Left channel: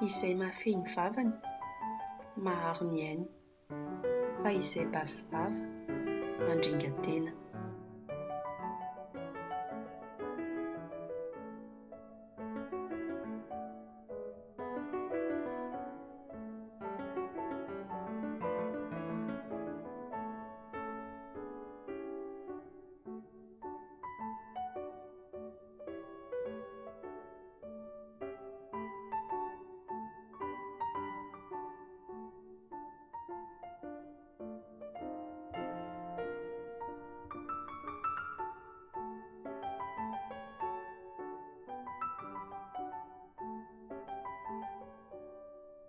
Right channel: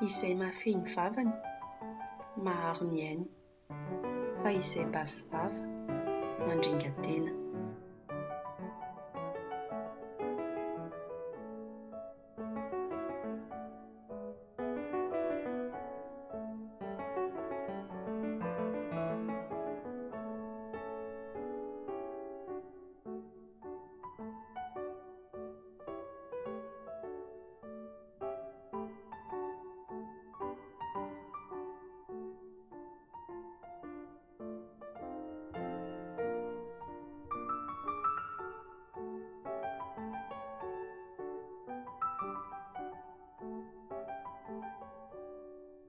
Izay mahafehy ny vavany, maharo ny ainy, fa izay basy vava mandringa tena.